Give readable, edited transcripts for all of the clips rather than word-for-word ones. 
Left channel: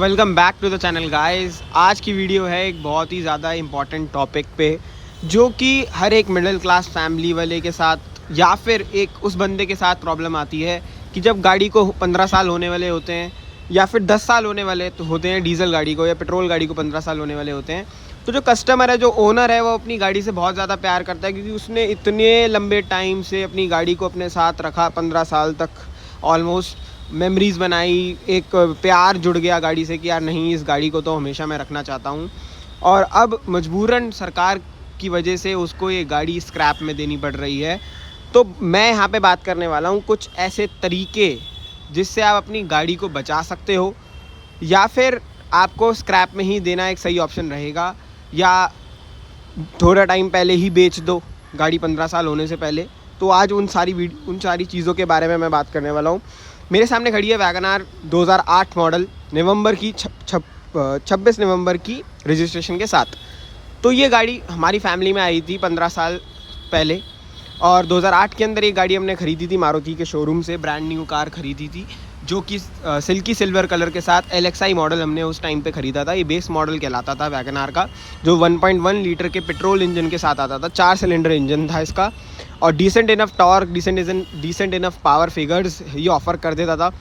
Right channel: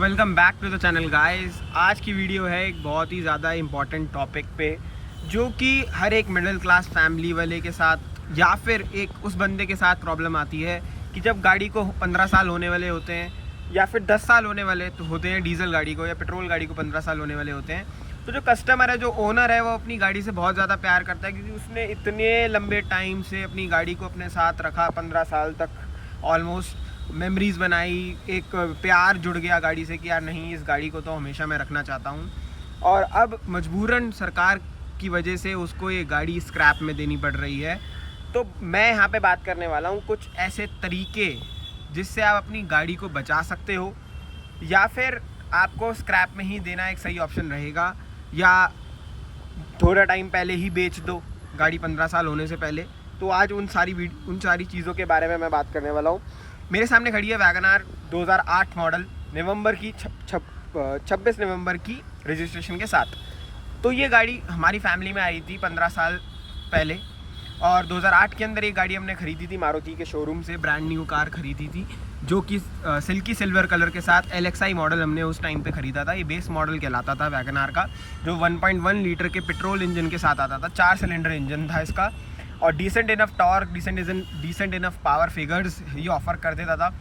Welcome back to the channel guys. आज की video है एक बहुत ही ज़्यादा इम्पॉर्टेंट टॉपिक पे, जो कि हर एक मिडिल क्लास फैमिली वाले के साथ या फिर एक उस बंदे के साथ प्रॉब्लम आती है कि जब गाड़ी को 15 साल होने वाले होते हैं या फिर 10 साल होने वाले तो होते हैं डीजल गाड़ी को, या पेट्रोल गाड़ी को 15 साल होने वाले होते हैं। तो जो कस्टमर है, जो ओनर है, वो अपनी गाड़ी से बहुत ज़्यादा प्यार करता है क्योंकि उसने इतने लंबे टाइम से अपनी गाड़ी को अपने साथ रखा, 15 साल तक ऑलमोस्ट मेमोरीज़ बनाई, एक प्यार जुड़ गया गाड़ी से कि यार नहीं, इस गाड़ी को तो हमेशा मैं रखना चाहता हूँ। और अब मजबूरन सरकार की वजह से उसको ये गाड़ी स्क्रैप में देनी पड़ रही है। तो मैं यहाँ पे बात करने वाला हूँ कुछ ऐसे तरीके जिससे आप अपनी गाड़ी को बचा सकते हो, या फिर आपको स्क्रैप में ही देना एक सही ऑप्शन रहेगा, या थोड़ा टाइम पहले ही बेच दो गाड़ी 15 साल होने से पहले। तो आज उन सारी चीज़ों के बारे में मैं बात करने वाला हूँ। मेरे सामने खड़ी है वैगनआर 2008 मॉडल, नवंबर की 26 नवंबर की रजिस्ट्रेशन के साथ। तो ये गाड़ी हमारी फैमिली में आई थी 15 साल पहले, और 2008 के अंदर एक गाड़ी हमने ख़रीदी थी मारुति के शोरूम से। ब्रांड न्यू कार ख़रीदी थी जो कि सिल्की सिल्वर कलर के साथ LXI मॉडल हमने उस टाइम पे ख़रीदा था। ये बेस मॉडल कहलाता था वैगनआर का, जो 1.1 लीटर के पेट्रोल इंजन के साथ आता था। 4 सिलेंडर इंजन था इसका, और decent enough torque, decent enough power figures ये ऑफ़र कर देता था।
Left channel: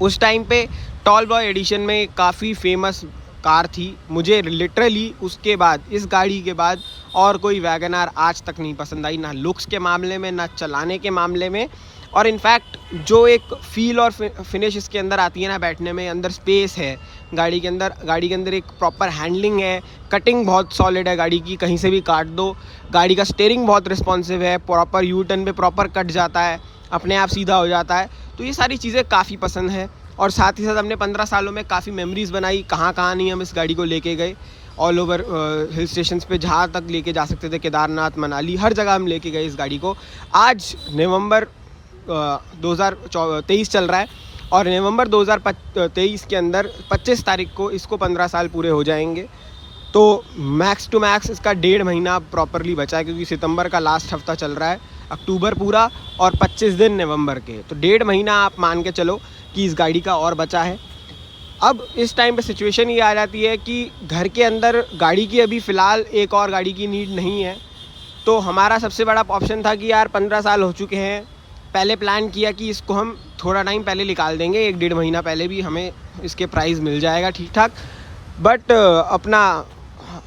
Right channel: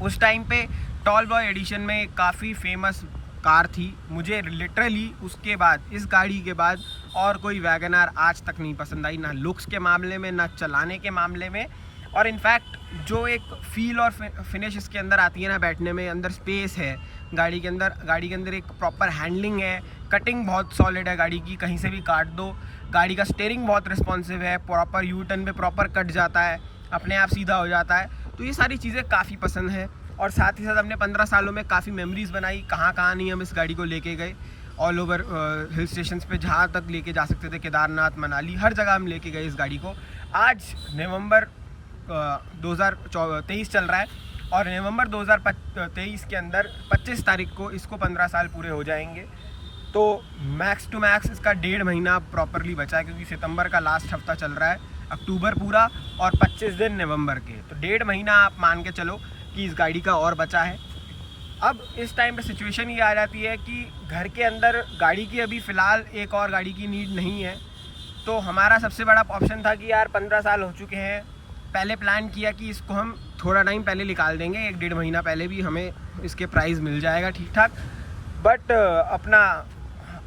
उस टाइम पे टॉल बॉय एडिशन में काफ़ी फेमस कार थी। मुझे लिटरली उसके बाद, इस गाड़ी के बाद और कोई वैगनआर आज तक नहीं पसंद आई, ना लुक्स के मामले में, ना चलाने के मामले में। और इनफैक्ट जो एक फ़ील और फिनिश इसके अंदर आती है ना, बैठने में, अंदर स्पेस है गाड़ी के अंदर एक प्रॉपर हैंडलिंग है, कटिंग बहुत सॉलिड है गाड़ी की, कहीं से भी काट दो। गाड़ी का स्टीयरिंग बहुत रिस्पॉन्सिव है, प्रॉपर यू टर्न पे प्रॉपर कट जाता है, अपने आप सीधा हो जाता है। तो ये सारी चीज़ें काफ़ी पसंद है। और साथ ही साथ हमने 15 सालों में काफ़ी मेमोरीज़ बनाई। कहाँ नहीं हम इस गाड़ी को लेके गए, ऑल ओवर हिल स्टेशंस पे जहाँ तक लेके जा सकते थे, केदारनाथ, मनाली, हर जगह हम लेके गए इस गाड़ी को। आज नवंबर 2023 चल रहा है, और नवंबर 2023 के अंदर 25 तारीख को इसको 15 साल पूरे हो जाएंगे। तो मैक्स टू मैक्स इसका 1.5 महीना प्रॉपरली बचा है, क्योंकि सितंबर का लास्ट हफ्ता चल रहा है, अक्टूबर पूरा और 25 दिन नवंबर के। तो 1.5 महीना आप मान के चलो कि इस गाड़ी का और बचा है। अब इस टाइम पे सिचुएशन ये आ जाती है कि घर के अंदर गाड़ी की अभी फ़िलहाल एक और गाड़ी की नीड नहीं है। तो हमारा सबसे बड़ा ऑप्शन था कि यार 15 साल हो चुके हैं, पहले प्लान किया कि इसको हम थोड़ा टाइम पहले निकाल देंगे, 1-1.5 महीना पहले भी हमें इसके प्राइस मिल जाएगा ठीक ठाक, बट अपना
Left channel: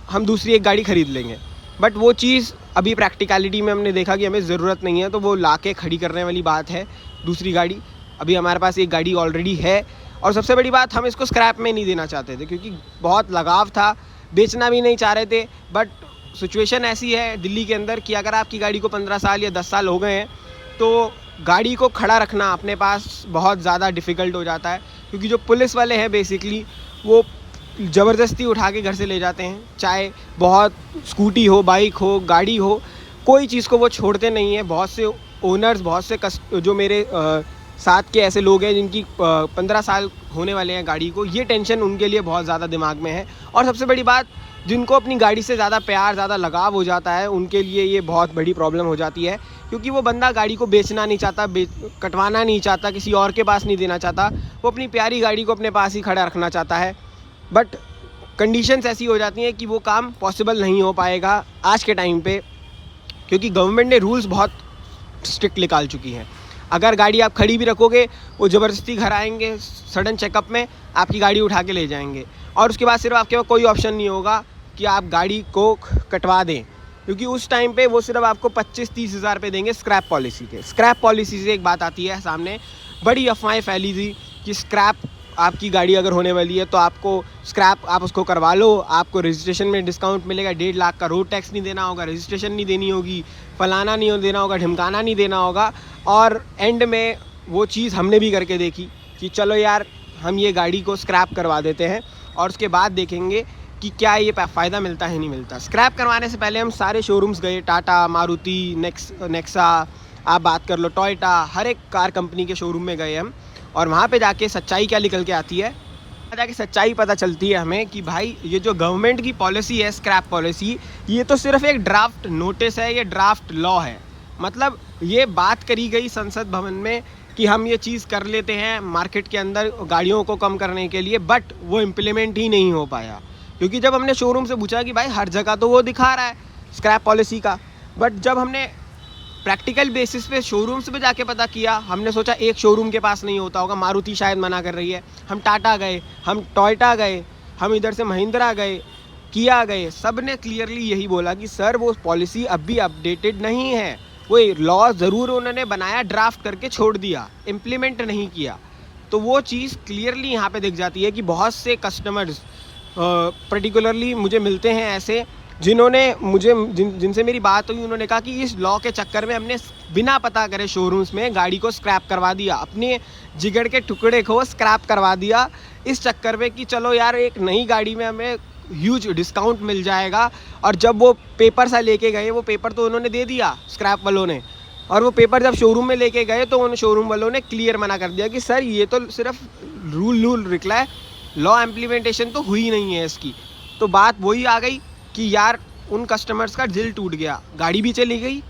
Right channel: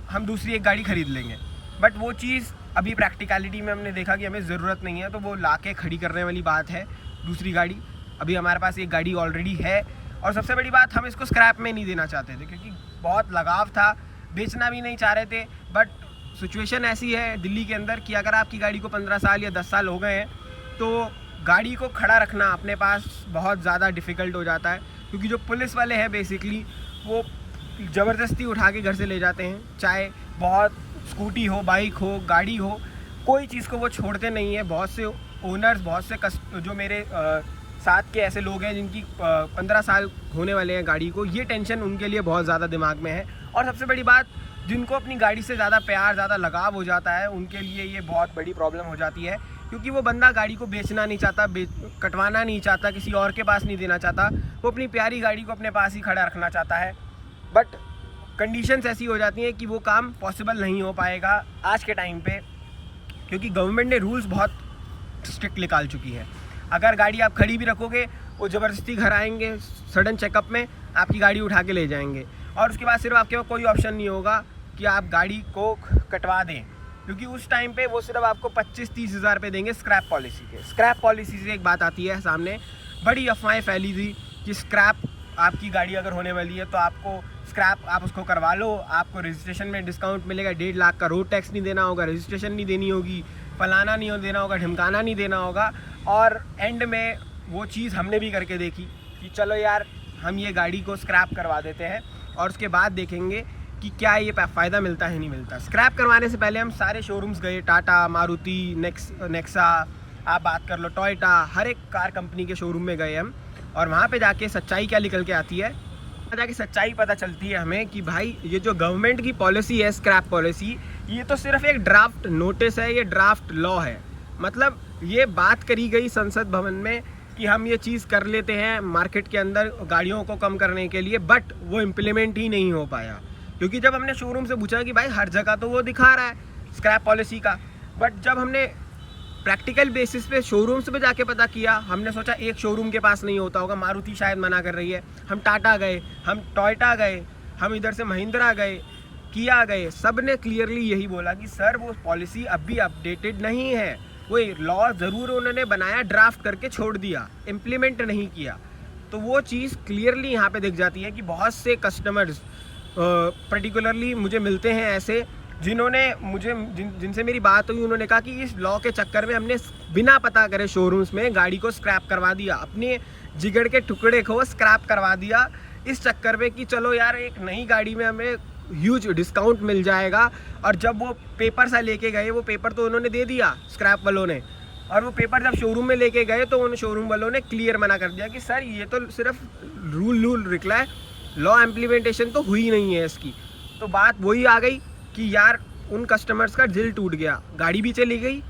हम दूसरी एक गाड़ी ख़रीद लेंगे। बट वो चीज़ अभी प्रैक्टिकलिटी में हमने देखा कि हमें ज़रूरत नहीं है, तो वो लाके खड़ी करने वाली बात है दूसरी गाड़ी। अभी हमारे पास एक गाड़ी ऑलरेडी है, और सबसे बड़ी बात, हम इसको स्क्रैप में नहीं देना चाहते थे क्योंकि बहुत लगाव था, बेचना भी नहीं चाह रहे थे। बट सिचुएशन ऐसी है दिल्ली के अंदर कि अगर आपकी गाड़ी को 15 साल या 10 साल हो गए हैं, तो गाड़ी को खड़ा रखना अपने पास बहुत ज़्यादा डिफ़िकल्ट हो जाता है, क्योंकि जो पुलिस वाले हैं बेसिकली वो ज़बरदस्ती उठा के घर से ले जाते हैं। चाहे बहुत स्कूटी हो, बाइक हो, गाड़ी हो, कोई चीज़ को वो छोड़ते नहीं हैं। बहुत से ओनर्स, बहुत से जो मेरे साथ के ऐसे लोग हैं जिनकी 15 साल होने वाले हैं गाड़ी को, ये टेंशन उनके लिए बहुत ज़्यादा दिमाग में है। और सबसे बड़ी बात, जिनको अपनी गाड़ी से ज़्यादा प्यार, ज़्यादा लगाव हो जाता है, उनके लिए ये बहुत बड़ी प्रॉब्लम हो जाती है, क्योंकि वो बंदा गाड़ी को बेचना नहीं चाहता, कटवाना नहीं चाहता, किसी और के पास नहीं देना चाहता, वो अपनी प्यारी गाड़ी को अपने पास ही खड़ा रखना चाहता है। बट कंडीशंस ऐसी हो जाती हैं कि वो काम पॉसिबल नहीं हो पाएगा आज के टाइम पे, क्योंकि गवर्नमेंट ने रूल्स बहुत स्ट्रिक्ट निकाल चुकी हैं। अगर गाड़ी आप खड़ी भी रखोगे, वो ज़बरदस्ती घर आएंगे, सडन चेकअप में आपकी गाड़ी उठा के ले जाएंगे, और उसके बाद सिर्फ आपके पास कोई ऑप्शन नहीं होगा कि आप गाड़ी को कटवा दें, क्योंकि उस टाइम पे वो सिर्फ आपको 25-30 हज़ार रुपये देंगे स्क्रैप पॉलिसी के। स्क्रैप पॉलिसी से एक बात आती है सामने, बड़ी अफवाहें फैली थी कि स्क्रैप, आपकी गाड़ी अगर होने वाली है तो आपको स्क्रैप, आप उसको करवा लो, आपको रजिस्ट्रेशन में डिस्काउंट मिलेगा, 1.5 लाख का रोड टैक्स नहीं देना होगा, रजिस्ट्रेशन नहीं देनी होगी, फलाना नहीं देना होगा, ढिमकाना नहीं देना होगा। और एंड में वो चीज़ हमने भी करके देखी कि चलो यार, हम ये गाड़ी को स्क्रैप करवा देते हैं, और उसके बाद देखेंगे कि क्या ये फ़ायदा मिलता है नहीं मिलता। स्क्रैप करवाने से पहले हम सारे शोरूम्स गए, टाटा, मारुति, नेक्सा, आप बात कर लो, टोयोटा, हर एक कार कंपनी के शोरूम में गए हम, और वहाँ पे जाके सच्चाई क्या निकल के आती है, जाके सच्चाई पता चलती है हमें कि भाई ये जो गवर्नमेंट की पॉलिसी है, स्क्रैप पॉलिसी, ये तो सिर्फ एक ड्राफ्ट नोटिस है, ये ड्राफ्ट लॉ है। मतलब ये बात करी गई संसद भवन में कि हम ये चीज़ कर लेते हैं मार्केट के अंदर गाड़ियों को कम करने के लिए, बट वो इम्प्लीमेंट ही नहीं हो पाया। क्योंकि जब हमने शोरूम से पूछा कि भाई हर जगह तो वो दिखा रहा है स्क्रैप पॉलिसी का, बट जब हमने प्रैक्टिकल बेसिस पे शोरूम्स पे जाके पता किया, हमने सोचा एक शोरूम के पास नहीं होता होगा, मारुति शायद मना कर रही है, हम टाटा गए, हम टोयोटा गए, हम इधर से महिंद्रा गए, किया गए, सब ने क्लियरली यही बोला कि सर वो पॉलिसी अब भी अपडेटेड नहीं है। वो लॉ ज़रूर उन्होंने बनाया, ड्राफ्ट करके छोड़ दिया, इम्प्लीमेंट नहीं किया। तो वो चीज़ क्लियरली यहाँ पे दिख जाती है कि बहुत से कस्टमर्स पर्टिकुलरली मुझे मिलते हैं ऐसे जिन्होंने जिनसे मेरी बात हुई, उन्होंने कहा कि इस लॉ के चक्कर में हमने बिना पता करे शोरूम्स में गाड़ी को स्क्रैप करवा दिया, अपने जिगड़ के टुकड़े को स्क्रैप करवा दिया इस चक्कर में कि चलो यार एक नई गाड़ी में हमें ह्यूज डिस्काउंट मिल जाएगा। और जब वो पेपर सा लेके गए, वो पेपर तो उन्होंने दे दिया स्क्रैप वालों ने, और वो पेपर जब शोरूम में लेके गए तो उन शोरूम वालों ने क्लियर मना कर दिया कि सर ये तो सिर्फ रूल निकला है, लॉ इम्प्लीमेंटेशन तो हुई नहीं है इसकी। तो बात वही आ गई कि यार उन कस्टमर्स का दिल टूट गया, गाड़ी भी चली गई,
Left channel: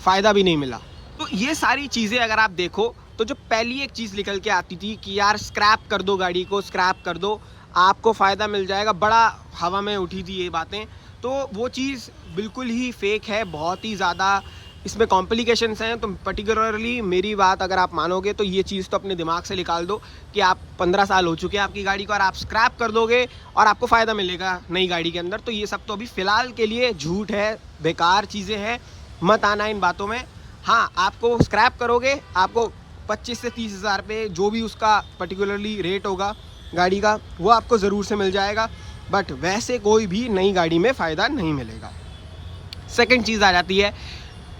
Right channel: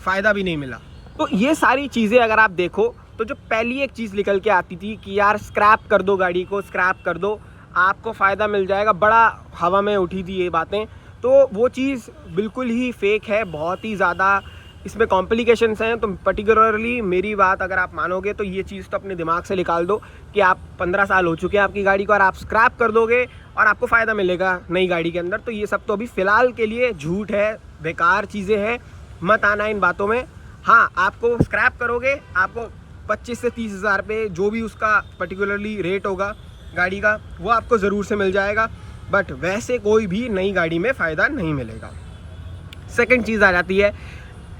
फ़ायदा भी नहीं मिला। तो ये सारी चीज़ें अगर आप देखो तो जो पहली एक चीज़ निकल के आती थी कि यार स्क्रैप कर दो, गाड़ी को स्क्रैप कर दो, आपको फ़ायदा मिल जाएगा, बड़ा हवा में उठी थी ये बातें। तो वो चीज़ बिल्कुल ही फेक है, बहुत ही ज़्यादा इसमें कॉम्प्लिकेशंस हैं। तो पर्टिकुलरली मेरी बात अगर आप मानोगे तो ये चीज़ तो अपने दिमाग से निकाल दो कि आप 15 साल हो चुके हैं आपकी गाड़ी को और आप स्क्रैप कर दोगे और आपको फ़ायदा मिलेगा नई गाड़ी के अंदर। तो ये सब तो अभी फ़िलहाल के लिए झूठ है, बेकार चीज़ें हैं, मत आना इन बातों में। हाँ, आपको स्क्रैप करोगे, आपको 25 से 30 हज़ार पे जो भी उसका पर्टिकुलरली रेट होगा गाड़ी का, वो आपको ज़रूर से मिल जाएगा, बट वैसे कोई भी नई गाड़ी में फ़ायदा नहीं मिलेगा। सेकंड चीज़ आ जाती है,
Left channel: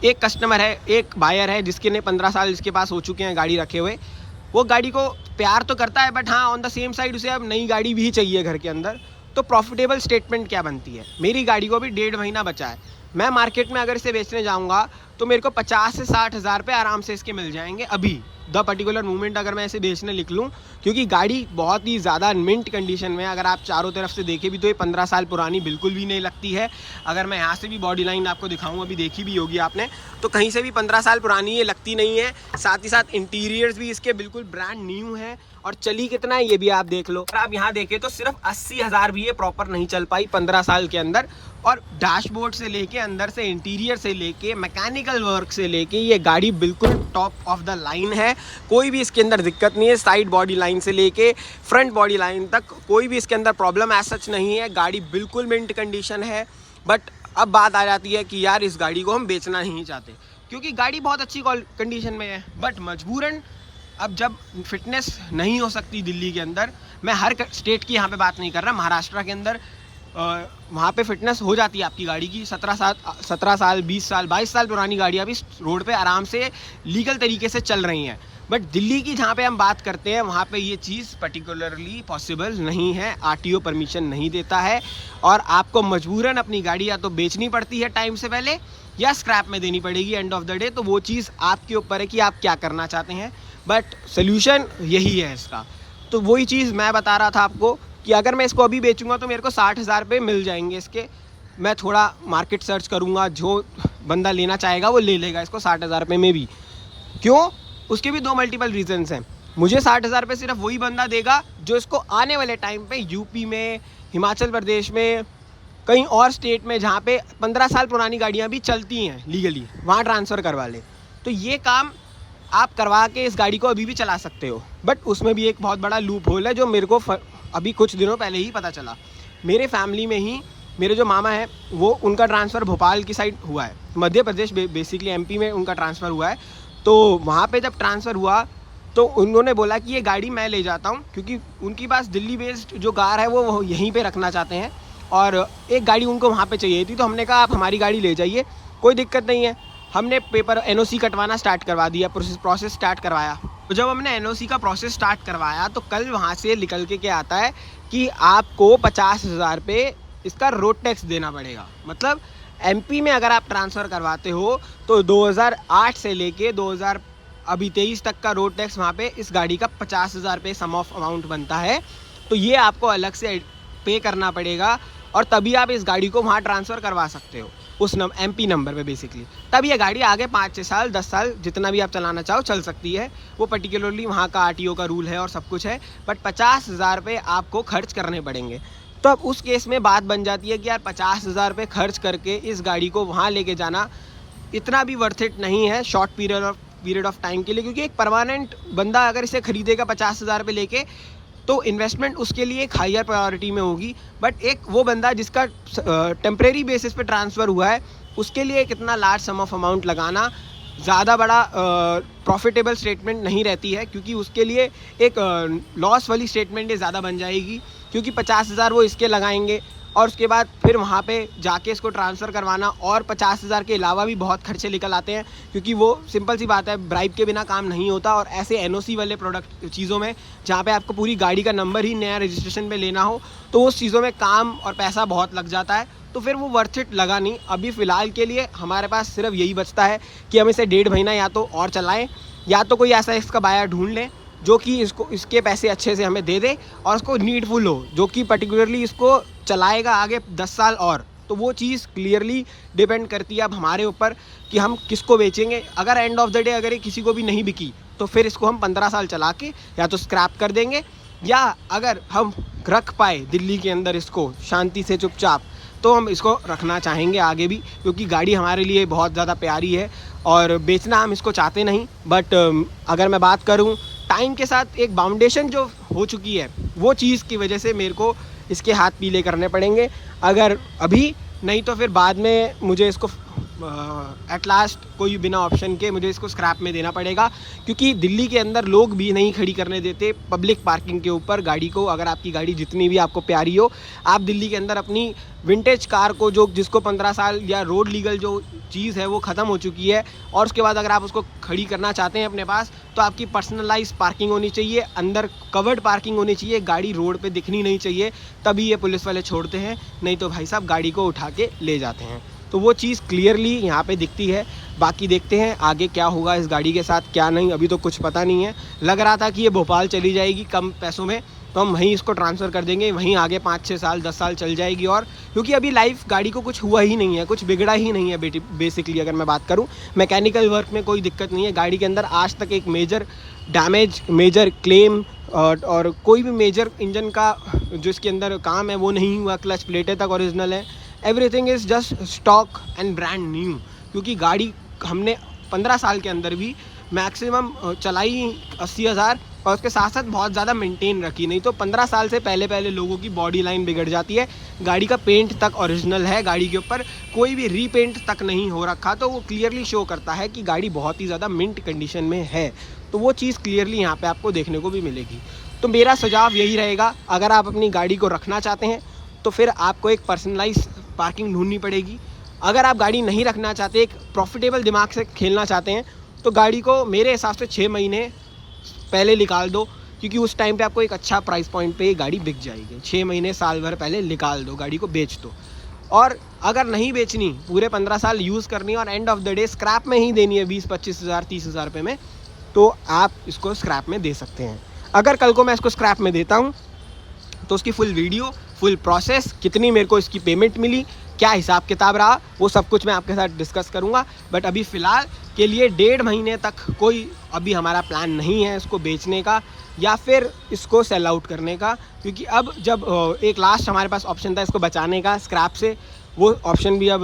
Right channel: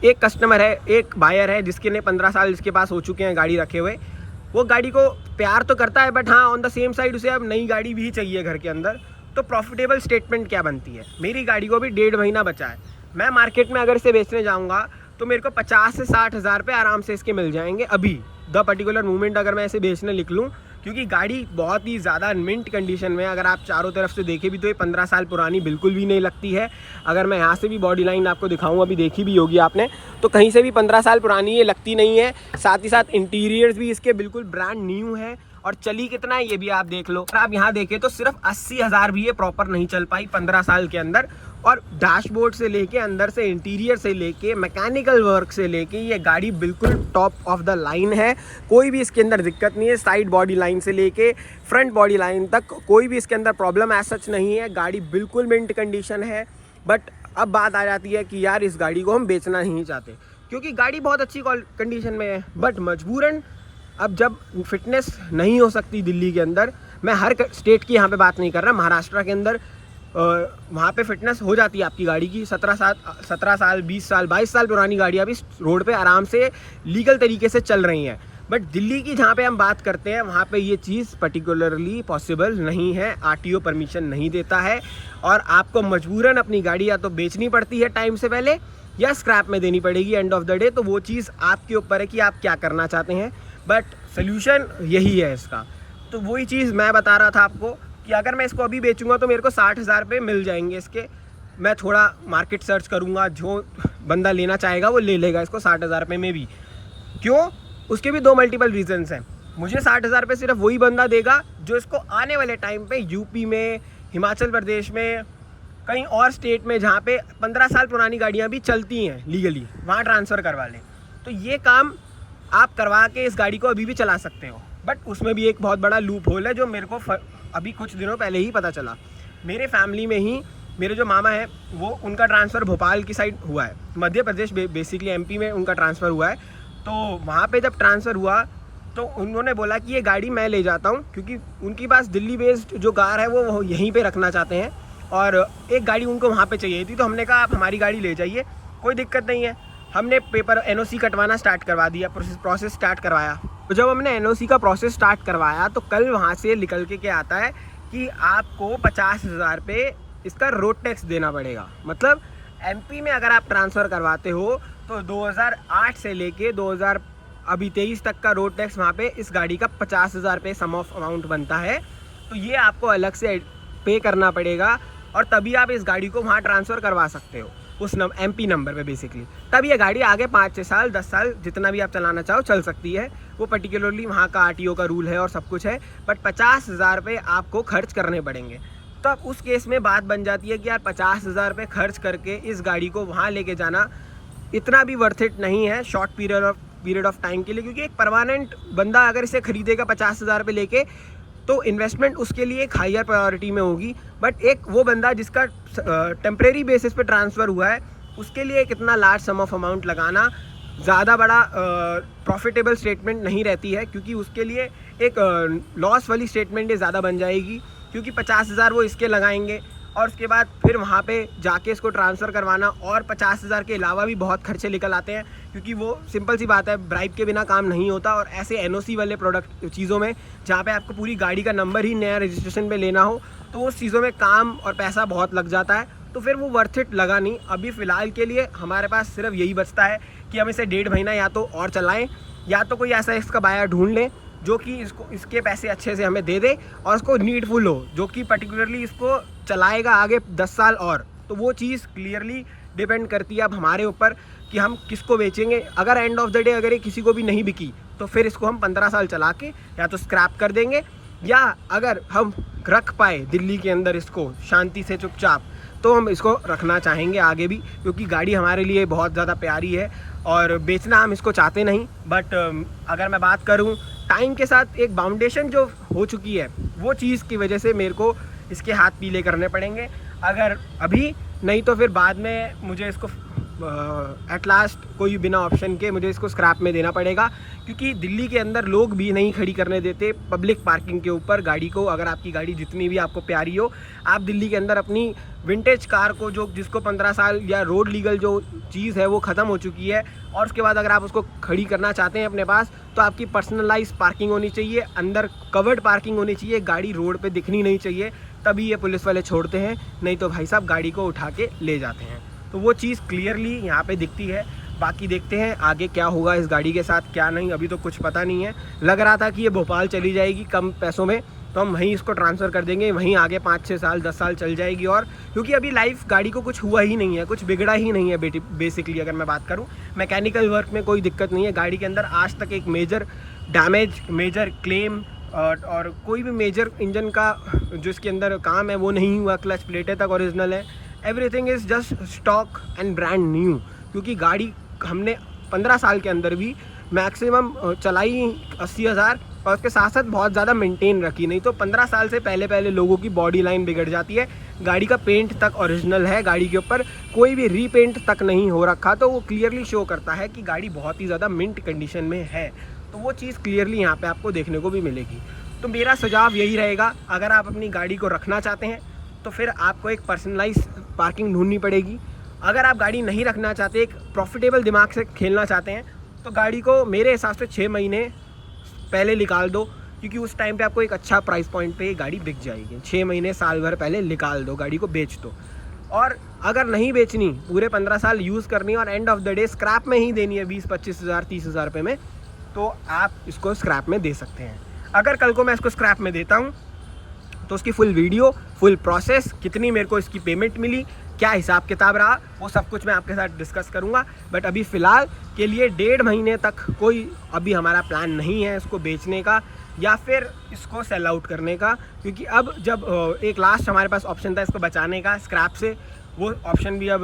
एक कस्टमर है, एक बायर है जिसके ने 15 साल इसके पास हो चुके हैं गाड़ी रखे हुए, वो गाड़ी को प्यार तो करता है, बट हाँ ऑन द सेम साइड उसे अब नई गाड़ी भी चाहिए घर के अंदर। तो प्रॉफिटेबल स्टेटमेंट क्या बनती है, मेरी गाड़ी को भी 1.5 महीना बचा है, मैं मार्केट में अगर इसे बेचने जाऊँगा तो मेरे को 50 से 60 हज़ार रुपये आराम से इसके मिल जाएंगे अभी द पर्टिकुलर मोमेंट अगर मैं इसे बेचने निकलूँ, क्योंकि गाड़ी बहुत ही ज़्यादा मिंट कंडीशन में, अगर आप चारों तरफ से देखें भी तो ये 15 साल पुरानी बिल्कुल भी नहीं लगती है। अगर मैं यहाँ से भी बॉडी लाइन आपको दिखाऊँ, अभी देखी भी होगी आपने, तो कहीं से भी 15 साल पुरानी ये लगती नहीं है। साथ ही साथ इंटीरियर्स भी इसके बिल्कुल ब्रांड न्यू है, और चली कितना है ये भी आप देख लो। अगर आप यहाँ देखें तो सिर्फ 80 हज़ार भी ये प्रॉपर नहीं चल पाई 15 साल के अंदर। और डैशबोर्ड से लेके अंदर से इंटीरियर से लेके मैकेनिकल वर्क से लेके ये गाड़ी बिल्कुल टॉप ऑफ द लाइन है, कोई भी इसके अंदर दिक्कत नहीं है। साइड बॉडी लाइन से लेके फ्रंट बॉडी लाइन तक कोई भी इसके अंदर प्रॉब्लम ऐसा सच नहीं है, गाड़ी बिल्कुल मिंट कंडीशन है। बट अब बात आ जाती है कि यार इस गाड़ी को हम बेचना नहीं चाहते क्योंकि गाड़ी बहुत अच्छी कंडीशन में है, बट मजबूरन अब जब फिटनेस नहीं हो सकती दिल्ली के अंदर, मैं हर स्टेट की यहाँ पे बात नहीं कर रहा, महाराष्ट्र के अंदर वहाँ पे फिटनेस हो जाती है आपकी गाड़ी की। 17 साल 20 साल 22 साल पुरानी गाड़ियाँ भी रोड पे आराम से लीगल तरीके से चल रही हैं। बट दिल्ली की जहाँ पे हम बात करते हैं वहाँ पे ये चीज़ पर्टिकुलरली पॉसिबल नहीं है, आरटीओ परमिशन नहीं देता है, और आपको मजबूरन अपनी गाड़ी या तो बेचनी पड़ती है टाइम से पहले या स्क्रैप में देनी पड़ेगी एंड ऑफ द डे। तो वो चीज़ आपके ऊपर है कि आप क्या करना चाहते हैं, बट सोल्यूशन यही है इसका। तो वही चीज़ मैं बता रहा था आपको कि अगर मैं इसको अभी बेचूंगा तो मेरे को 60 हज़ार रुपये मिल जाएंगे इसके। मैं थोड़ा मार्केट सर्च करूंगा, जो बंदा लेना चाहेगा वो ले लेगा इसको 60 हज़ार रुपये में भी। क्यों? उसके भी दो मल्टीपल रीजंस हैं। मुझे 60 हज़ार रुपये सिर्फ वही बंदा देगा जो इसको आने वाले टाइम पे यूपी में, हिमाचल प्रदेश में, कहीं और स्टेट में जहाँ पे 15 साल पुरानी गाड़ियाँ भी चलती हैं लीगली, वहाँ ट्रांसफ़र करवा ले। तो ये काम आप करवा के इस गाड़ी को अभी भी चला सकते हो। बट उसमें भी एक बहुत बड़ा लूप होल है जो मेरे को अभी कुछ दिनों पहले ही पता चला। मेरे फैमिली में ही मेरे जो मामा हैं वो, उनका ट्रांसफ़र भोपाल की साइड हुआ है, मध्य प्रदेश बेसिकली एमपी में उनका ट्रांसफ़र हुआ है। तो वहाँ पे जब ट्रांसफ़र हुआ तो उन्होंने बोला कि ये गाड़ी मैं ले जाता हूँ, क्योंकि उनके पास दिल्ली बेस्ड जो कार है वो यहीं पे रखना चाहते हैं और एक गाड़ी उनको वहाँ पे चाहिए थी। तो हमने कहा आप हमारी गाड़ी ले जाइए, कोई दिक्कत नहीं है। हमने पेपर एनओसी कटवाना स्टार्ट करवा दिया, प्रोसेस स्टार्ट करवाया। तो जब हमने एनओसी का प्रोसेस स्टार्ट करवाया तो कल वहाँ से निकल के क्या आता है कि आपको 50 हज़ार रुपये इसका रोड टैक्स देना पड़ेगा। मतलब एमपी में अगर आप ट्रांसफ़र करवाते हो तो 2008 से लेके 2023 तक का रोड टैक्स वहाँ पे इस गाड़ी का 50 हज़ार रुपये सम ऑफ अमाउंट बनता है। तो ये आपको अलग से पे करना पड़ेगा और तभी आप इस गाड़ी को वहाँ ट्रांसफ़र करवा सकते हो। उस MP नंबर पे बेसिकली, तब ये गाड़ी आगे 5-6 साल 10 साल जितना भी आप चलाना चाहो चल सकती है। वो पर्टिकुलरली वहाँ का RTO का रूल है और सब कुछ है, बट 50,000 रुपये आपको खर्च करने पड़ेंगे। तो अब उस केस में बात बन जाती है कि यार 50,000 रुपये खर्च करके इस गाड़ी को वहाँ लेके जाना इतना भी वर्थ इट नहीं है शॉर्ट पीरियड ऑफ टाइम के लिए, क्योंकि एक परमानेंट बंदा अगर इसे खरीदेगा 50,000 रुपये लेके तो इन्वेस्टमेंट उसके लिए एक हायर प्रायोरिटी में होगी। बट एक वो बंदा जिसका टेम्प्रेरी बेसिस पे ट्रांसफ़र हुआ है उसके लिए कितना लार्ज सम ऑफ अमाउंट लगाना ज़्यादा बड़ा प्रॉफिटेबल स्टेटमेंट नहीं रहती है, क्योंकि उसके लिए एक लॉस वाली स्टेटमेंट ये ज़्यादा बन जाएगी, क्योंकि 50,000 वो इसके लगाएंगे और उसके बाद फिर वहाँ पे जाके इसको ट्रांसफ़र करवाना और 50,000 के अलावा भी बहुत खर्चे निकल आते हैं, क्योंकि वो सिंपल सी बात है ब्राइब के बिना काम नहीं होता। और ऐसे NOC वाले प्रोडक्ट चीज़ों में जहाँ पे आपको पूरी गाड़ी का नंबर ही नया रजिस्ट्रेशन पे लेना हो तो उस चीज़ों में काम और पैसा बहुत लग जाता है, तो फिर वो वर्थ इट लगा नहीं। अभी फ़िलहाल के लिए हमारे पास सिर्फ यही बचता है कि हम इसे 1.5 महीना या तो और चलाएँ, या तो कोई ऐसा इसका बायर ढूंढ लें जो कि इसके पैसे अच्छे से हमें दे दे और उसको नीडफुल हो, जो कि पर्टिकुलरली इसको चलाएगा आगे 10 साल और। तो वो चीज़ क्लियरली डिपेंड करती है अब हमारे ऊपर कि हम किसको बेचेंगे। अगर एंड ऑफ द डे अगर ये किसी को भी नहीं बिकी तो फिर इसको हम 15 साल चला के या तो स्क्रैप कर देंगे, या अगर हम रख पाए दिल्ली के अंदर इसको शांति से चुपचाप तो हम इसको रखना चाहेंगे आगे भी, क्योंकि गाड़ी हमारे लिए बहुत ज़्यादा प्यारी है और बेचना हम इसको चाहते नहीं। बट अगर मैं बात करूं टाइम के साथ एक बाउंडेशन जो हो चुकी है वो चीज़ की वजह से मेरे को इसके हाथ पीले करने पड़ेंगे। अगर अभी नहीं तो फिर बाद में मुझे इसको एट लास्ट कोई बिना ऑप्शन के मुझे इसको स्क्रैप में देना पड़ेगा, क्योंकि दिल्ली के अंदर लोग भी नहीं खड़ी करने देते पब्लिक पार्किंग के ऊपर गाड़ी को। अगर आपकी गाड़ी जितनी भी आपको प्यारी हो, आप दिल्ली के अंदर अपनी विंटेज कार को जिसको 15 साल या रोड लीगल जो चीज़ है वो ख़त्म हो चुकी है, और उसके बाद अगर आप उसको खड़ी करना चाहते हैं अपने पास तो आपकी पर्सनलाइज पार्किंग होनी चाहिए, अंदर कवर्ड पार्किंग होनी चाहिए, गाड़ी रोड पे दिखनी नहीं चाहिए, तभी ये पुलिस वाले छोड़ते हैं, नहीं तो भाई साहब गाड़ी को उठा के ले जाते हैं। तो वो चीज़ क्लियरली यहाँ पे दिखती है। बाकी देखते हैं आगे क्या होगा इस गाड़ी के साथ, क्या नहीं, अभी तो कुछ पता नहीं है। लग रहा था कि ये भोपाल चली जाएगी कम पैसों में, तो हम वहीं इसको ट्रांसफ़र कर देंगे, वहीं आगे 5-6 साल 10 साल चल जाएगी। और क्योंकि अभी लाइफ गाड़ी को कुछ हुआ ही नहीं है, कुछ बिगड़ा ही नहीं है बेसिकली। अगर मैं बात करूँ मैकेनिकल वर्क में कोई दिक्कत नहीं है गाड़ी के अंदर, आज तक एक मेजर डैमेज, मेजर क्लेम और कोई भी मेजर इंजन का जो इसके अंदर काम है वो नहीं हुआ। क्लच प्लेटें तक ओरिजिनल है, everything is just stock and brand new, क्योंकि गाड़ी हमने 15 साल के अंदर भी मैक्सिमम चलाई 80,000 और उसके साथ साथ बहुत ज़्यादा मेंटेन रखी। नहीं तो 15 साल से पहले लोगों की बॉडी लाइन बिगड़ जाती है। गाड़ी का पेंट तक ओरिजिनल है, गाड़ी के ऊपर कोई भी रीपेंट तक नहीं हो रखा, तो वो क्लियरली शो करता है कि गाड़ी बहुत ही ज़्यादा मिंट कंडीशन में है। तो वो चीज़ क्लियरली यहाँ पे आपको देखने को भी मिलेगी। तो मेरा सुझाव यही रहेगा, अगर आप अपनी गाड़ी को रखना चाहते हैं तो फिर आपको एक पर्सनलाइज पार्किंग ढूंढनी पड़ेगी। अगर आप गाड़ी नहीं रखना चाहते, एक प्रॉफिटेबल दिमाग से खेलना चाहते हैं, तो गाड़ी को मेरे हिसाब से 6 महीने पहले निकाल दो, क्योंकि उस टाइम पे आपको एक अच्छा प्राइस पॉइंट पे ये गाड़ी बिक जाएगी। 6 महीने साल भर पहले निकाल दो, गाड़ी को बेच दो। और अगर नहीं बेचनी, पूरे 15 साल यूज़ करनी और end of the day scrap में ही देनी है 20-25 हज़ार 30,000 रुपये में, तो आप इसको स्क्रैप में दे सकते हैं। अगर कल को मैं इसको स्क्रैप में देता हूँ तो उसकी फुल वीडियो, फुल प्रोसेस, कितनी मेरे को इसकी पेमेंट मिली, क्या हिसाब किताब रहा, वो सब कुछ मैं आपके साथ डिस्कस करूंगा। बट अभी फ़िलहाल के लिए 1.5 महीने तक कोई अभी हमारा प्लान नहीं है इसको बेचने का या फिर इसको सेल आउट करने का, क्योंकि अब जब एक लास्ट हमारे पास ऑप्शन था इसको बचाने का स्क्रैप से, वो ऑप्शन भी अब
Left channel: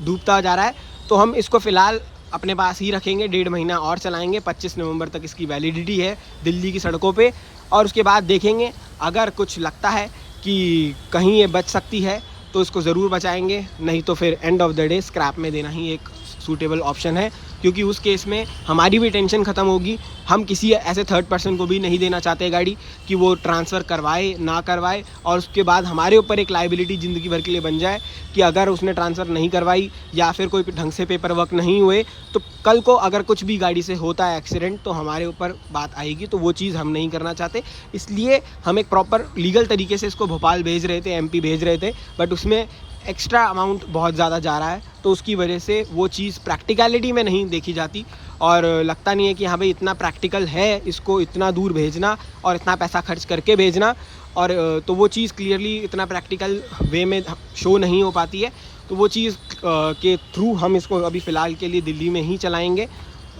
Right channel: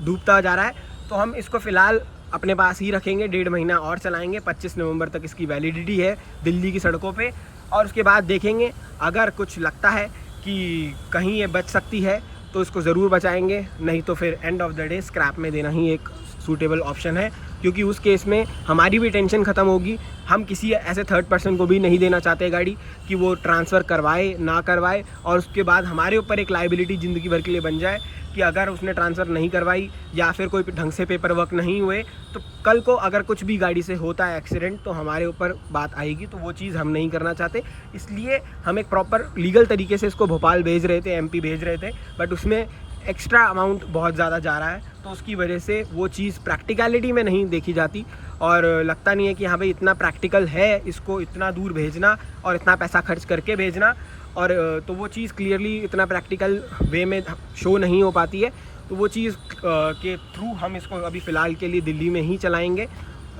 डूबता जा रहा है। तो हम इसको फ़िलहाल अपने पास ही रखेंगे, 1.5 महीना और चलाएँगे। 25 नवंबर तक इसकी वैलिडिटी है दिल्ली की सड़कों पर, और उसके बाद देखेंगे अगर कुछ लगता है कि कहीं ये बच सकती है तो इसको ज़रूर बचाएंगे, नहीं तो फिर end of the day scrap में देना ही एक सूटेबल ऑप्शन है, क्योंकि उस केस में हमारी भी टेंशन ख़त्म होगी। हम किसी ऐसे थर्ड पर्सन को भी नहीं देना चाहते गाड़ी कि वो ट्रांसफ़र करवाए ना करवाए, और उसके बाद हमारे ऊपर एक लाइबिलिटी ज़िंदगी भर के लिए बन जाए कि अगर उसने ट्रांसफ़र नहीं करवाई या फिर कोई ढंग से पेपर वर्क नहीं हुए तो कल को अगर कुछ भी गाड़ी से होता है एक्सीडेंट तो हमारे ऊपर बात आएगी। तो वो चीज़ हम नहीं करना चाहते, इसलिए हम एक प्रॉपर लीगल तरीके से इसको भोपाल भेज रहे थे, MP भेज रहे थे, बट उसमें एक्स्ट्रा अमाउंट बहुत ज़्यादा जा रहा है, तो उसकी वजह से वो चीज़ प्रैक्टिकलिटी में नहीं देखी जाती और लगता नहीं है कि हाँ भाई इतना प्रैक्टिकल है इसको इतना दूर भेजना और इतना पैसा खर्च करके भेजना, और तो वो चीज़ क्लियरली इतना प्रैक्टिकल वे में शो नहीं हो पाती है। तो वो चीज़ के थ्रू हम इसको अभी फ़िलहाल के लिए दिल्ली में ही चलाएँगे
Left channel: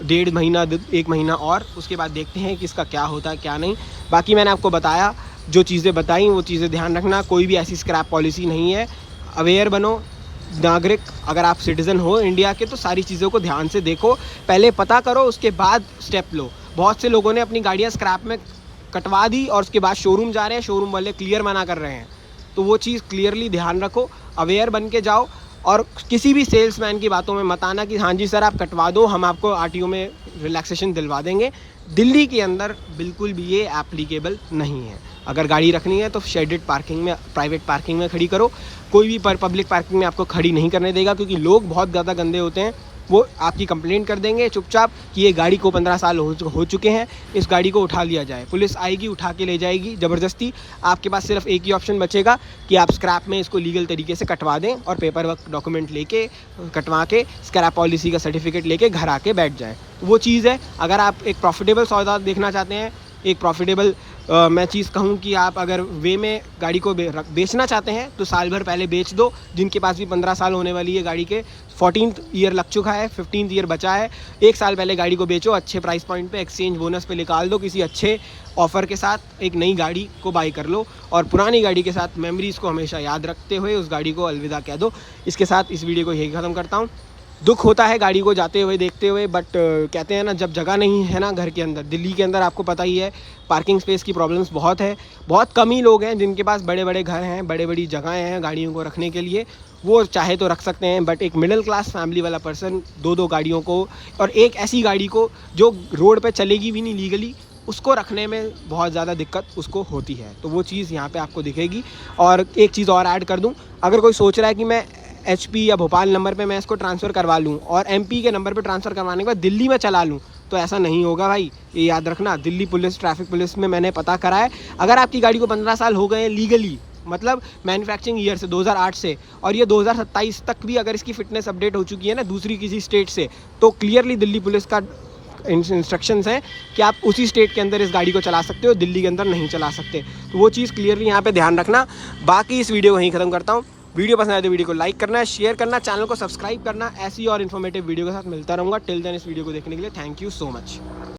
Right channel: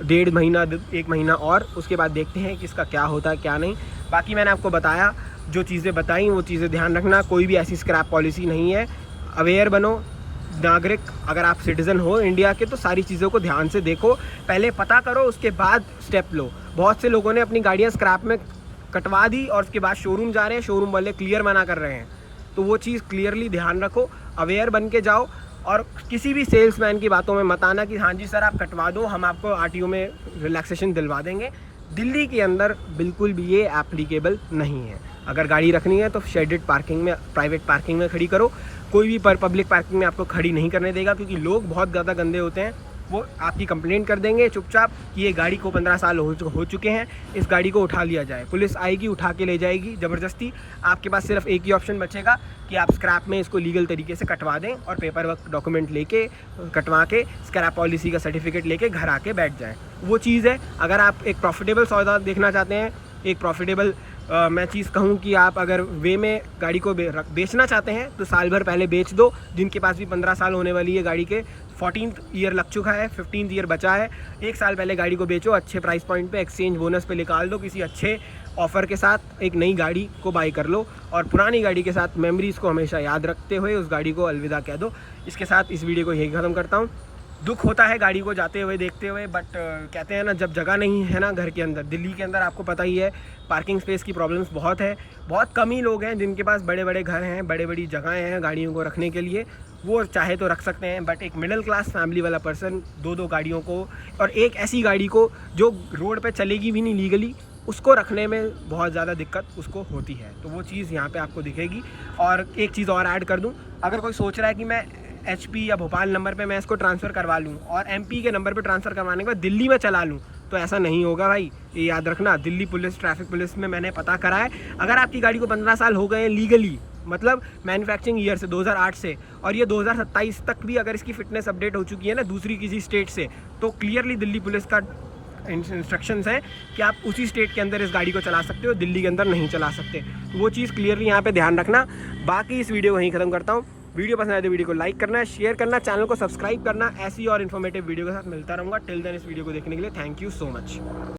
1.5 महीना 1 महीना, और उसके बाद देखते हैं कि इसका क्या होता है क्या नहीं। बाकी मैंने आपको बताया, जो चीज़ें बताई वो चीज़ें ध्यान रखना, कोई भी ऐसी स्क्रैप पॉलिसी नहीं है। अवेयर बनो नागरिक, अगर आप सिटीज़न हो इंडिया के तो सारी चीज़ों को ध्यान से देखो, पहले पता करो उसके बाद स्टेप लो। बहुत से लोगों ने अपनी गाड़ियाँ स्क्रैप में कटवा दी और उसके बाद शोरूम जा रहे हैं, शोरूम वाले क्लियर मना कर रहे हैं। तो वो चीज़ क्लियरली ध्यान रखो, अवेयर बन के जाओ, और किसी भी सेल्समैन की बातों में मत आना कि हाँ जी सर आप कटवा दो, हम आपको आरटीओ में रिलैक्सेशन दिलवा देंगे। दिल्ली के अंदर बिल्कुल भी ये एप्लीकेबल नहीं है। अगर गाड़ी रखनी है तो शेडेड पार्किंग में, प्राइवेट पार्किंग में खड़ी करो। कोई भी पब्लिक पार्किंग में आपको खड़ी नहीं करने देगा, क्योंकि लोग बहुत ज़्यादा गंदे होते हैं। वो आपकी कंप्लेंट कर देंगे चुपचाप कि ये गाड़ी को 15 साल हो चुके हैं, इस गाड़ी को उठा लिया जाए। पुलिस आएगी, उठा के ले जाएगी ज़बरदस्ती। आपके पास सिर्फ एक ही ऑप्शन बचेगा कि आप स्क्रैप में इसको लीगल तरीके से कटवा दें और पेपर वर्क डॉक्यूमेंट लेके कटवा के स्क्रैप पॉलिसी का सर्टिफिकेट लेके घर आके बैठ जाएँ। तो वो चीज़ है। अगर आप एक प्रॉफिटेबल सौदा देखना चाहते हैं, एक प्रॉफिटेबल मैं चीज़ कहूँ कि आप अगर वे में गाड़ी को बेचना चाहते हैं तो साल भर पहले बेच दो। जिनके पास भी 15 साल होने वाली है गाड़ी के, 14th ईयर लग चुका है, 15th ईयर बचा है, 1 साल पहले गाड़ी को बेचो, अच्छे प्राइस पॉइंट पे एक्सचेंज बोनस पे निकाल दो, किसी अच्छे ऑफ़र के साथ एक नई गाड़ी को बाई कर लो, और पुरानी गाड़ी के साथ मेमोरीज़ को हमेशा याद रखते हुए उस गाड़ी को अलविदा कह दो। इसके साथ इस वीडियो को यही ख़त्म करता हूँ। दुख होता है गाड़ी को जाते हुए देखते हुए, बट कहते हैं ना, जब जगह नहीं है ना घर के अंदर, दिल्ली के अंदर आपको पता ही है पार्किंग स्पेस की प्रॉब्लम्स बहुत है। बहुत कम ही लोग हैं जिनके पास बड़े बड़े घर हैं, बड़े बड़ी जगहें हैं गाड़ियों को रखने के लिए। वो चाहे तो रख सकते हैं, बट एक मिडिल क्लास फैमिली वाला पर्सन 2-2 गाड़ियों को, और एक ऐसी गाड़ी को जो रोड पे चलेगी भी नहीं लीगली, उसको रखने में बहुत ज़्यादा दिक्कत उसको होती है। तो वो चीज़ यहाँ पे आपको दिखेगी। और एक चीज़ और ऐड कर दूँ, अगर कोई सोच रहा है कि मैं HP या भोपाल नंबर पे मैं इसको ट्रांसफ़र करवा लूँ और MP के नंबर पे ट्रांसफ़र करवाने के बाद दिल्ली में चला लूँ, तो ऐसा नहीं होगा भाई, ये याद रखना। दिल्ली पुलिस, ट्रैफिक पुलिस में मैंने पता करा है, अगर आपकी गाड़ी को 15 साल हो गए लीगली, मतलब मैन्युफैक्चरिंग ईयर से 2008 से, और ये 2027 तक भी अगर इसकी फ़िटनेस अपडेट हो चुकी है ना दूसरी किसी स्टेट से, तो क्लियरली दिल्ली पुलिस का इंस्ट्रक्शंस हैं कि आप उसी स्टेट के अंदर इस गाड़ी को चला सकते हो, दिल्ली के अंदर नहीं चला सकते। तो वो चीज़ क्लियरली यहाँ पे ध्यान रखना। बाकी इस वीडियो को यहीं ख़त्म करता हूँ। वीडियो पसंद आए तो वीडियो को लाइक करना, शेयर करना, चैनल को सब्सक्राइब करना। ऐसी और इन्फॉर्मेटिव वीडियो के साथ मिलता रहूँगा। टिल देन इस वीडियो को देखने के लिए थैंक यू सो मच।